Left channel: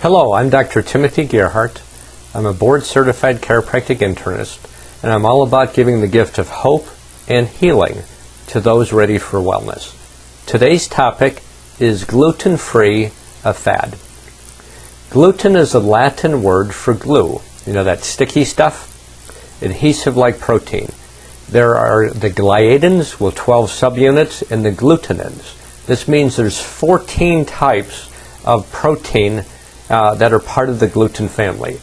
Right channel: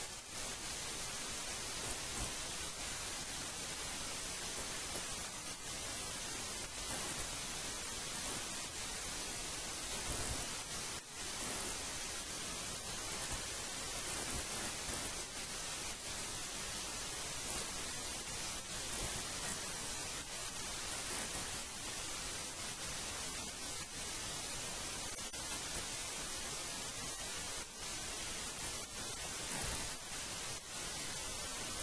Hello, I'm Dr. Timothy Gerhardt. I'm a board-certified chiropractic internist, and I'm all about giving the gift of hope and healing to those ready for wellness. Today's topic is gluten-free, a fad. Gluten is a Latin word for glue. You know, that sticky stuff? Adhesive-like protein. There are the gliadins with 12 subunits and the glutenins. This means there's 14 types of protein that are part of the gluten family.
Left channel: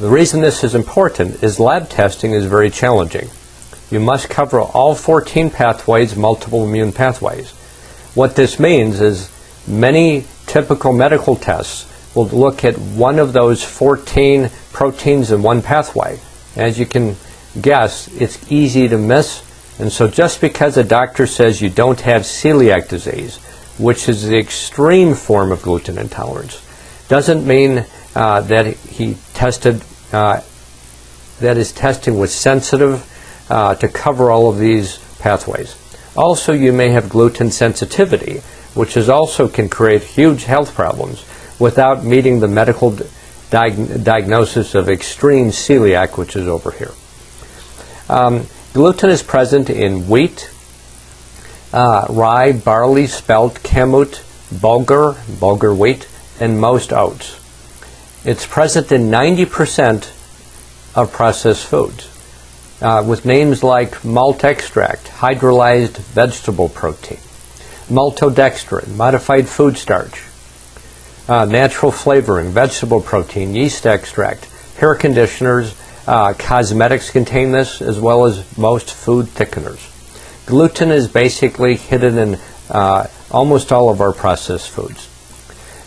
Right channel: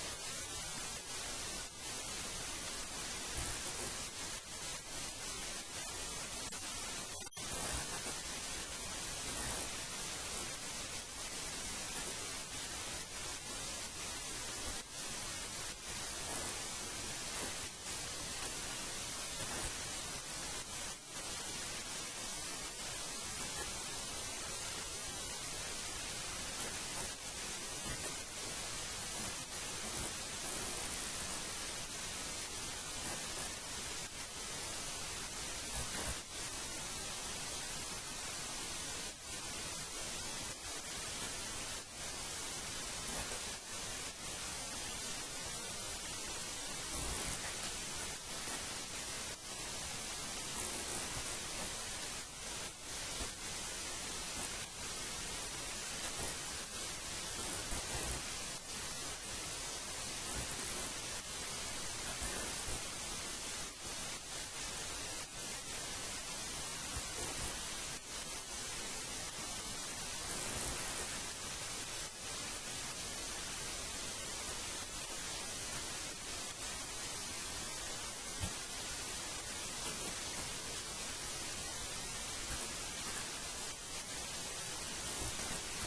The reason this is important is lab testing is very challenging. You must cover all 14 pathways, multiple immune pathways. What this means is many typical medical tests will look at one of those 14 proteins in one pathway. As you can guess, it's easy to miss, and so just because a doctor says you don't have celiac disease, which is the extreme form of gluten intolerance, doesn't mean that he tested, that his testing was sensitive to cover all of these pathways. Also, you may have gluten sensitivity, which is also can create huge health problems without meeting the medical diagnosis of extreme celiac, which is over here. Gluten is present in wheat, rye, barley, spelt, kamut, bulgur wheat, and most oats. It's present in 90% of processed foods, with names like malt extract, hydrolyzed vegetable protein, maltodextrin, modified food starch, natural flavoring, vegetable protein, yeast extract, hair conditioners, cosmetics contain this, as well as most food thickeners. Gluten is basically hidden in almost all of our processed foods.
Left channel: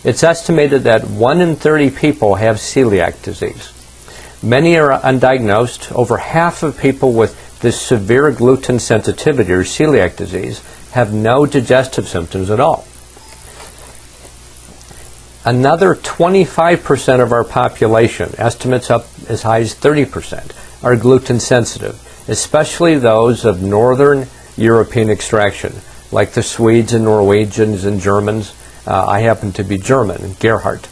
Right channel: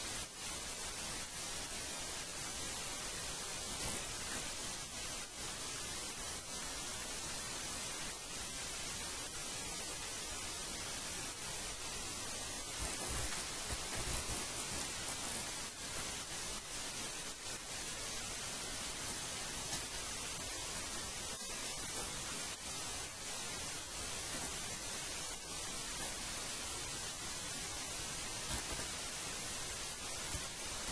It's estimated that 1 in 30 people have celiac disease. Many are undiagnosed. Over half of people with this severe gluten sensitivity or celiac disease have no digestive symptoms at all. Another 25% of our population, estimates up as high as 30%, are gluten sensitive, especially those of Northern European extraction, like the Swedes and Norwegians and Germans. I happen to be German, Gerhardt.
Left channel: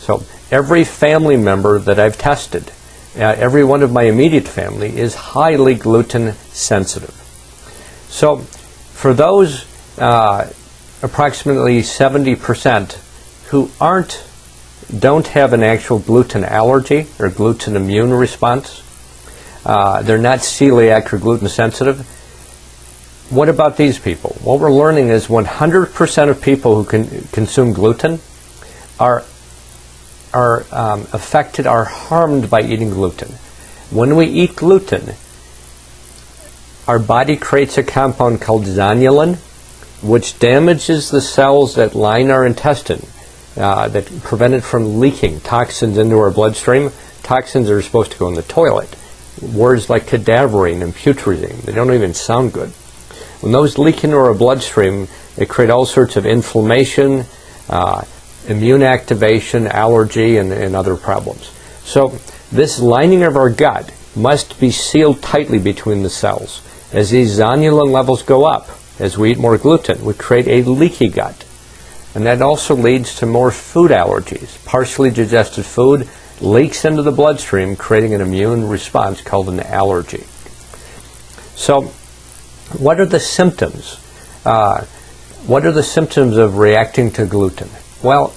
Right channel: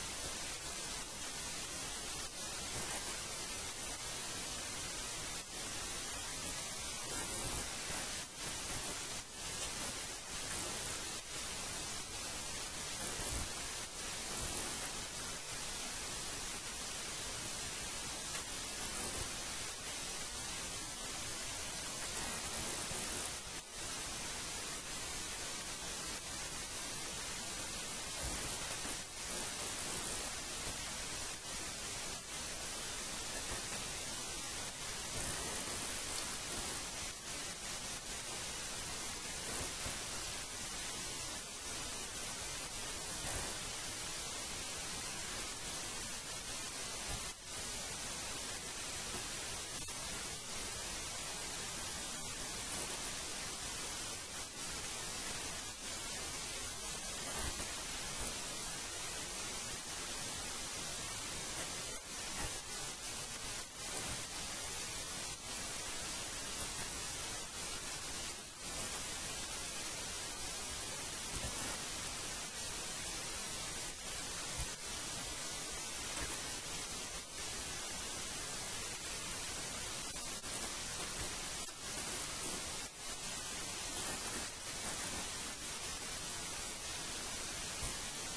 So every family member that I've tested, every one of my immediate family is highly gluten sensitive. So for those approximately 70% who don't have an actual gluten allergy or gluten immune response, they're not celiac or gluten sensitive. What about these people? What we're learning is 100% of people who consume gluten are affected, are harmed by eating gluten. When we eat gluten, our body creates a compound called zonulin, which damages the cells that line our intestine, that prevent it from leaking toxins into our bloodstream. Toxins are supposed to go in the toilet. Words like cadaverine and putrescine, they don't even sound good. When those leak into our bloodstream, they create all sorts of inflammation, immune activation, allergy, and other problems. So this lining of our gut must be sealed tightly between the cells. As these zonulin levels go up, as we eat more gluten, we create a leaky gut. And that also leads to more food allergies. Partially digested food leaks into the bloodstream, creating an immune response called an allergy. So what are the symptoms? What are the symptoms of reacting to gluten? Well,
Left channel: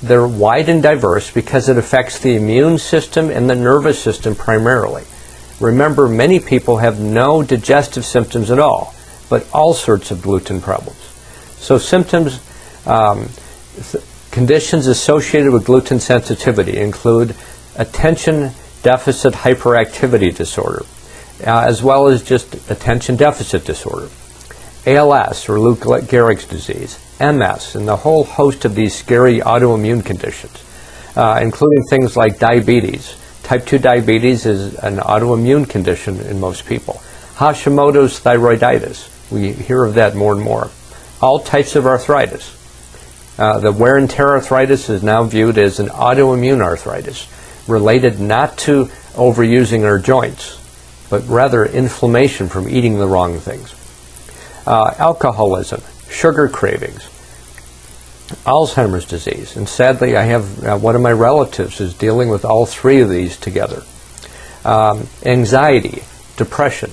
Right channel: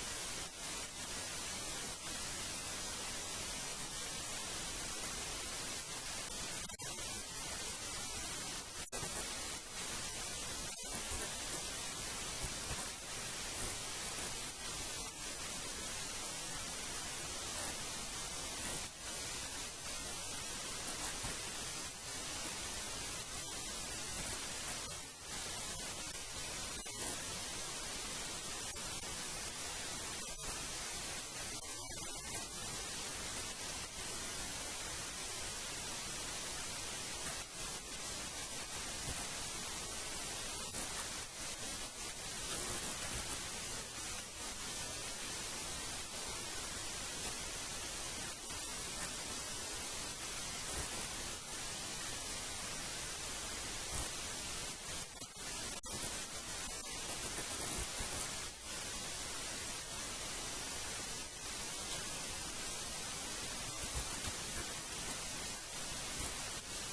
they're wide and diverse because it affects the immune system and the nervous system primarily. Remember, many people have no digestive symptoms at all, but all sorts of gluten problems. So symptoms, conditions associated with gluten sensitivity include attention deficit hyperactivity disorder, as well as just attention deficit disorder, ALS or Lou Gehrig's disease, MS, and the whole host of these scary autoimmune conditions, including things like diabetes. Type 2 diabetes is an autoimmune condition in most people. Hashimoto's thyroiditis, we hear of that more and more. All types of arthritis. The wear and tear arthritis is now viewed as an autoimmune arthritis, related not to overusing our joints, but rather inflammation from eating the wrong things. Alcoholism, sugar cravings, Alzheimer's disease, and sadly I have one of my relatives is dealing with all three of these together. Anxiety, depression,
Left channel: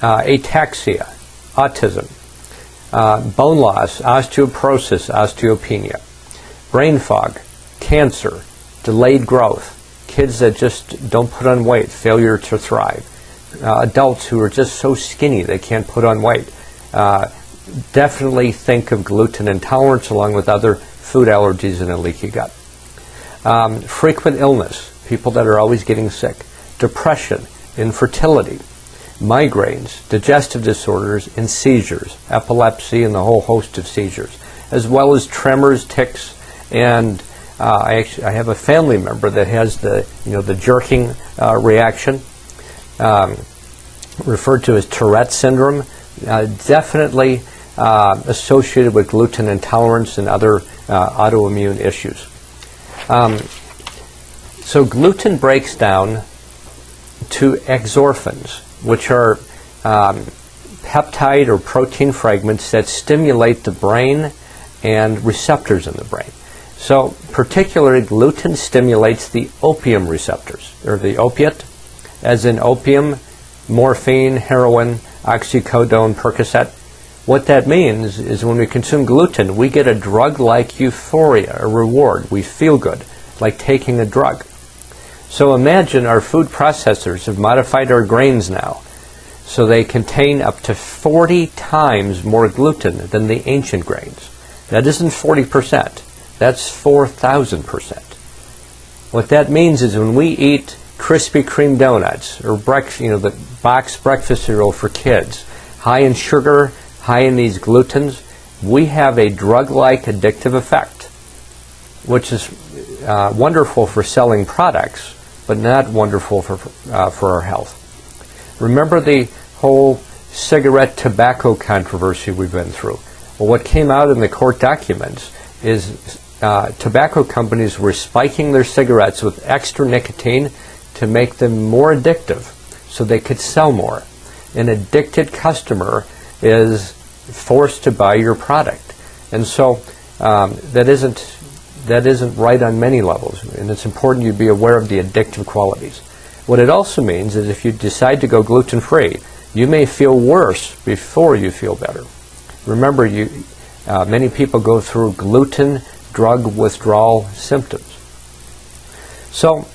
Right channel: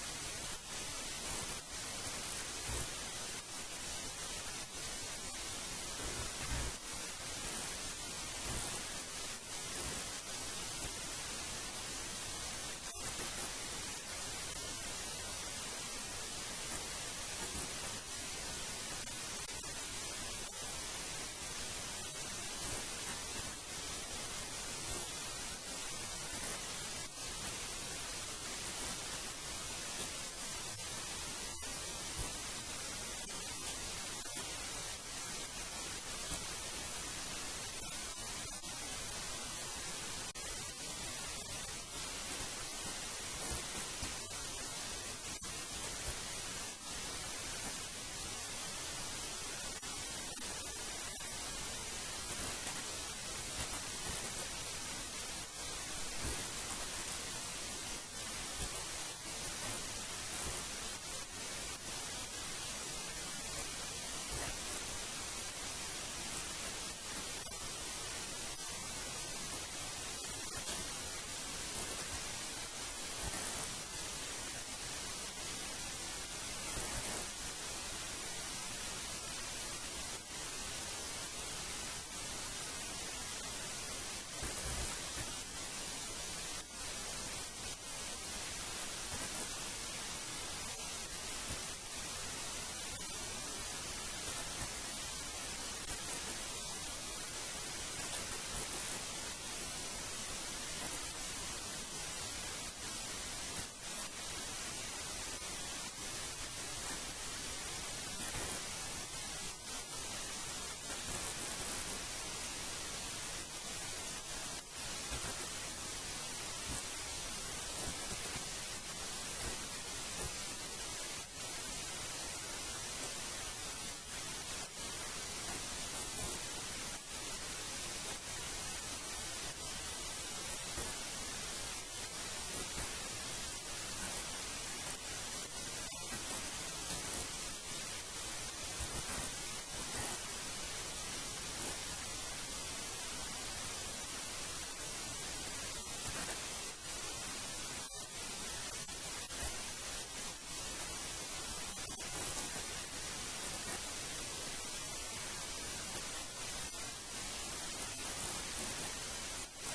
ataxia, autism, bone loss, osteoporosis, osteopenia, brain fog, cancer, delayed growth, kids that just don't put on weight, failure to thrive, adults who are just so skinny they can't put on weight. Definitely think of gluten intolerance along with other food allergies and a leaky gut. Frequent illness, people that are always getting sick, depression, infertility, migraines, digestive disorders, and seizures, epilepsy and the whole host of seizures, as well as tremors, tics, and I have a family member that has the jerking reaction, referred to as Tourette syndrome, definitely associated with gluten intolerance and other autoimmune issues. So gluten breaks down to exorphins, which are peptide or protein fragments that stimulate the brain and receptors in the brain. So particularly gluten stimulates the opium receptors, or the opiate, as in opium, morphine, heroin, oxycodone, Percocet. What that means is when we consume gluten, we get a drug-like euphoria, a reward. We feel good, like taking a drug. So imagine our food processors have modified our grains now, so they contain up to 40 times more gluten than the ancient grains. That isn't 40%, that's 4,000%. What that means is when we eat Krispy Kreme donuts or the box breakfast cereal for kids, high in sugar, high in these glutens, we have a drug-like addictive effect, which is wonderful for selling products, but not wonderful for our health. Remember the whole cigarette tobacco controversy we've been through? Well, what came out in the court documents is tobacco companies were spiking their cigarettes with extra nicotine to make them more addictive so they could sell more. An addicted customer is forced to buy your product. And so that isn't right on many levels, and it's important you be aware of the addictive qualities. What it also means is if you decide to go gluten-free, you may feel worse before you feel better. Remember, many people go through gluten drug withdrawal symptoms. So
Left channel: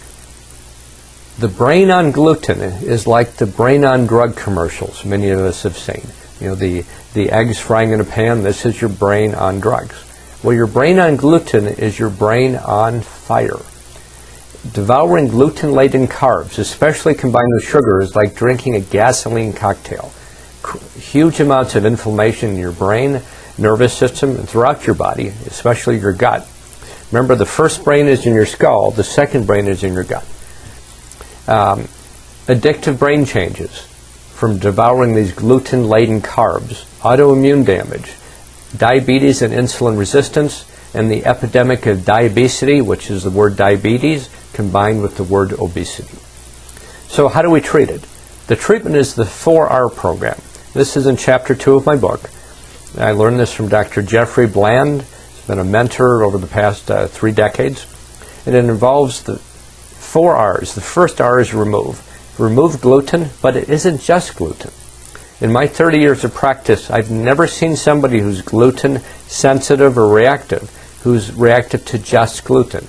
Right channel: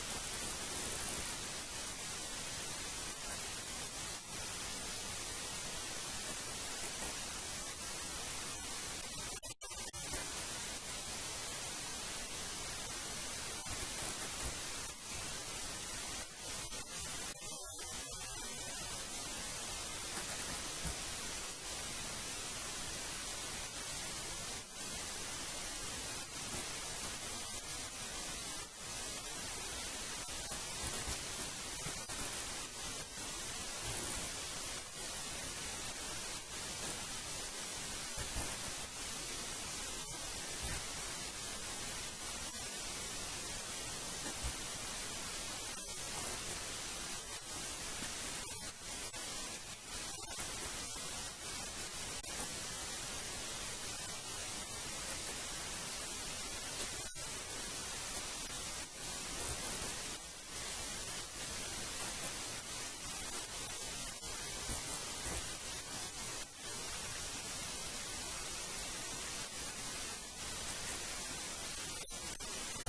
the brain on gluten is like the brain on drug commercials many of us have seen. The eggs frying in a pan, this is your brain on drugs. Well, your brain on gluten is your brain on fire. Devouring gluten-laden carbs, especially combined with sugar, is like drinking a gasoline cocktail. Huge amounts of inflammation in your brain, nervous system, and throughout your body, especially your gut. Remember, the first brain is in your skull, the second brain is in your gut. Addictive brain changes from devouring these gluten-laden carbs, autoimmune damage, diabetes and insulin resistance, and the epidemic of diabesity, which is the word diabetes combined with the word obesity. So how do we treat it? The treatment is the 4R program. This is in chapter 2 of my book. I learned this from Dr. Jeffrey Bland. He's been a mentor over the past 3 decades. And it involves the 4 R's. The first R is remove. Remove gluten, but it isn't just gluten. In my 30 years of practice, I've never seen somebody who's gluten sensitive or reactive who's reactive to just gluten.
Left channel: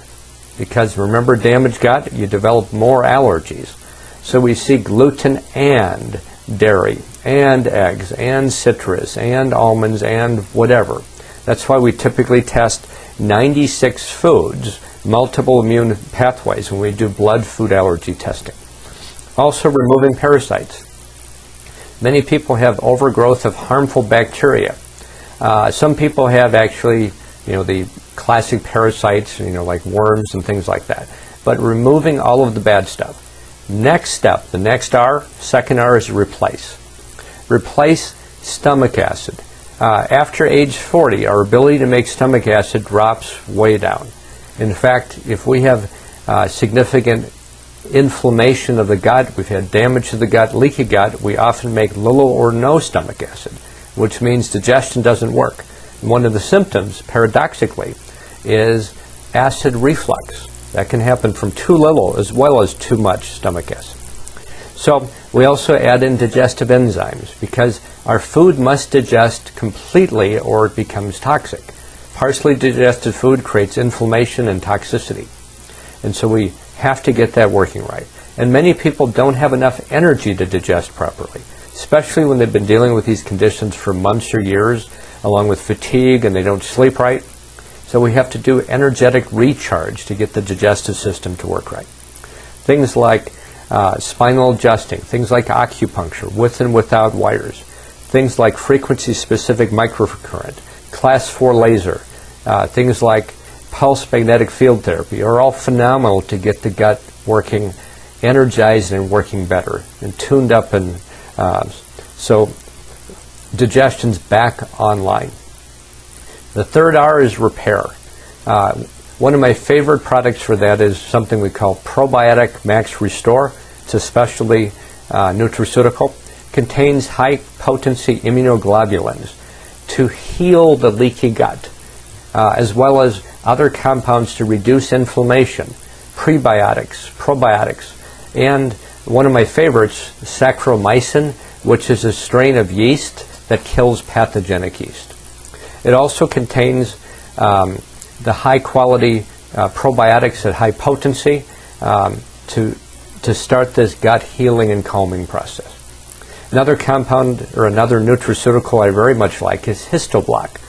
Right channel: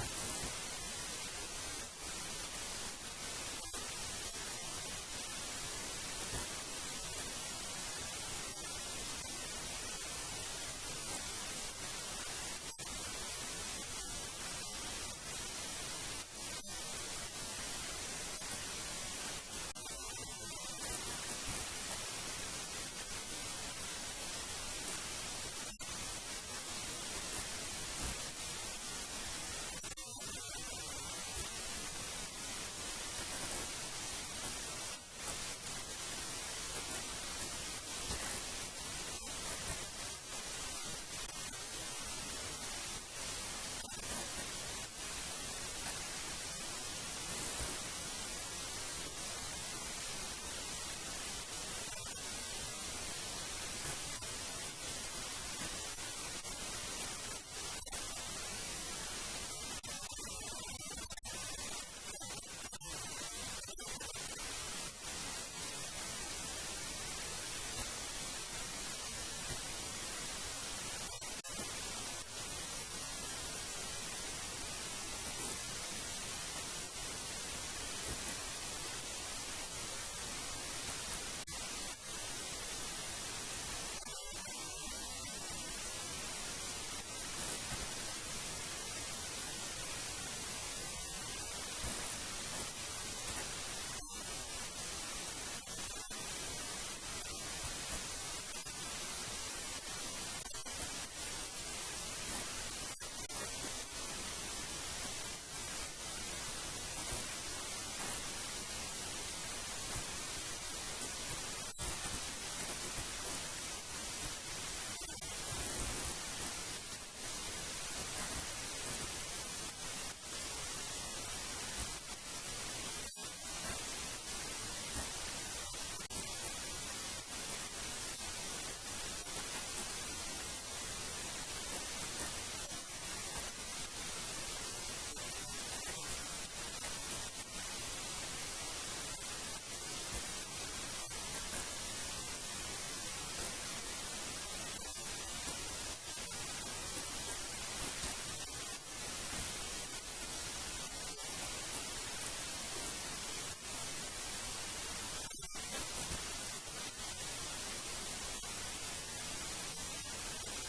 Because remember, damaged gut, you develop more allergies. So we see gluten and dairy and eggs and citrus and almonds and whatever. That's why we typically test 96 foods, multiple immune pathways, when we do blood food allergy testing. Also removing parasites. Many people have overgrowth of harmful bacteria. Some people have actually, the classic parasites, like worms and things like that. But removing all of the bad stuff. Next step, the next R, second R is replace. Replace stomach acid. After age 40, our ability to make stomach acid drops way down. In fact, if we have significant inflammation of the gut, we've had damage to the gut, leaky gut, we often make little or no stomach acid, which means digestion doesn't work. one of the symptoms, paradoxically, is acid reflux. That can happen from too little as well as too much stomach acid. So we also add in digestive enzymes because our food must digest completely or it becomes toxic. Partially digested food creates inflammation and toxicity. And so we have to get that working right. And many people don't have enough energy to digest properly, especially when they've been dealing with these conditions for months or years, along with fatigue, and they don't sleep right. So we have to do energetic recharge to get the digestive system to work right. Things like spinal adjusting, things like acupuncture, with and without wires, things like frequency-specific microcurrent, class 4 laser, things like pulse magnetic field therapy are all phenomenal to get the gut working, energized and working better, and tuned up, and so digestion's back online. The third R is repair. One of my favorite products for that is something we call Probiotic Max Restore. It's a specialty nutraceutical. Contains high potency immunoglobulins to heal the leaky gut, as well as other compounds to reduce inflammation, prebiotics, probiotics, and one of my favorites, Saccharomycin, which is a strain of yeast that kills pathogenic yeast. It also contains the high quality probiotics at high potency to start this gut healing and calming process. Another compound or another nutraceutical I very much like is Histoblock.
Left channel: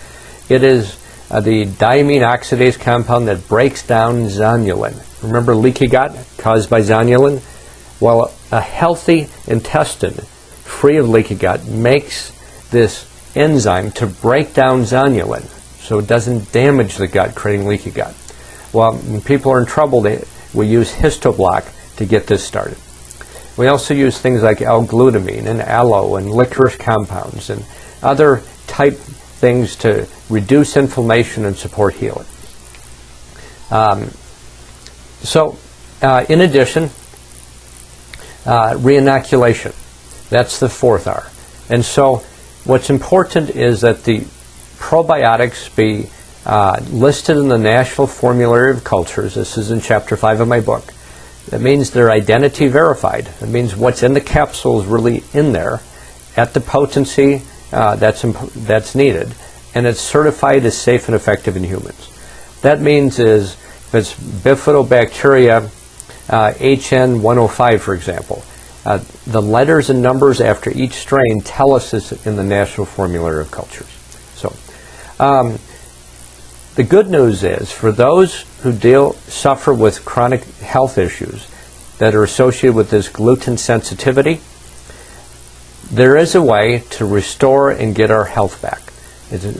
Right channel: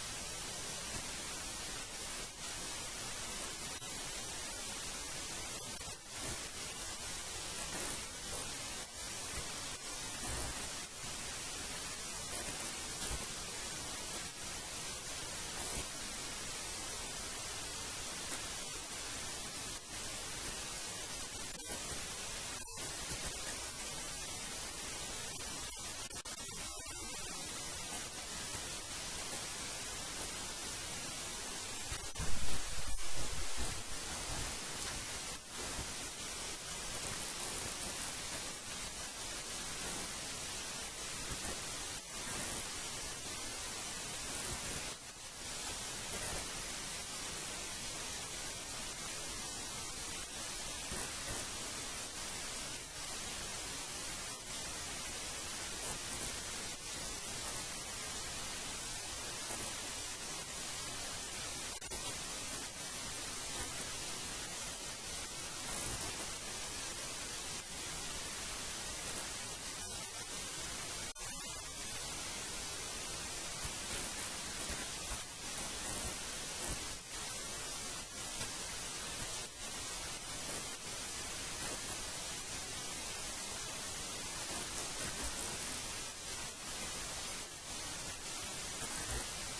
It is the diamine oxidase compound that breaks down zonulin. Remember leaky gut caused by zonulin? Well, a healthy intestine free of leaky gut makes this enzyme to break down zonulin so it doesn't damage the gut, creating leaky gut. Well, when people are in trouble, we use Histoblock to get this started. We also use things like L-glutamine and aloe and licorice compounds and other type things to reduce inflammation and support healing. In addition, reinoculation. That's the fourth R. And so what's important is that the probiotics be listed in the National Formulary of Cultures. This is in Chapter 5 of my book. That means they're identity verified. That means what's in the capsule is really in there at the potency that's needed, and it's certified as safe and effective in humans. That means is if it's bifidobacteria HN105, for example, the letters and numbers after each strain tell us this in the National Formulary of Cultures. So the good news is for those who suffer with chronic health issues that are associated with this gluten sensitivity, there is a way to restore and get our health back.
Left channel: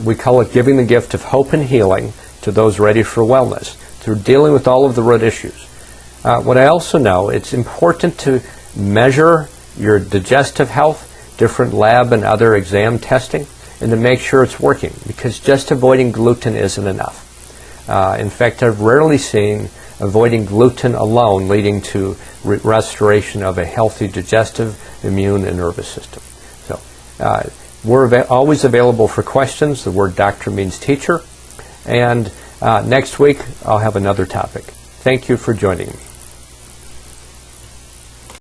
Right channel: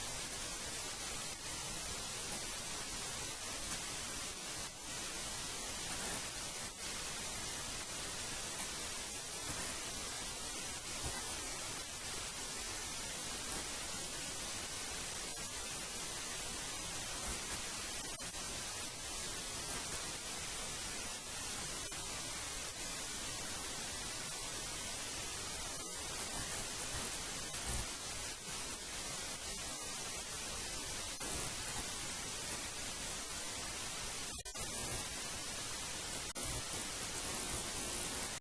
We call it giving the gift of hope and healing to those ready for wellness through dealing with all of the root issues. What I also know, it's important to measure your digestive health, different lab and other exam testing, and to make sure it's working, because just avoiding gluten isn't enough. In fact, I've rarely seen avoiding gluten alone leading to restoration of a healthy digestive, immune, and nervous system. So we're always available for questions. The word doctor means teacher. And next week, I'll have another topic. Thank you for joining me.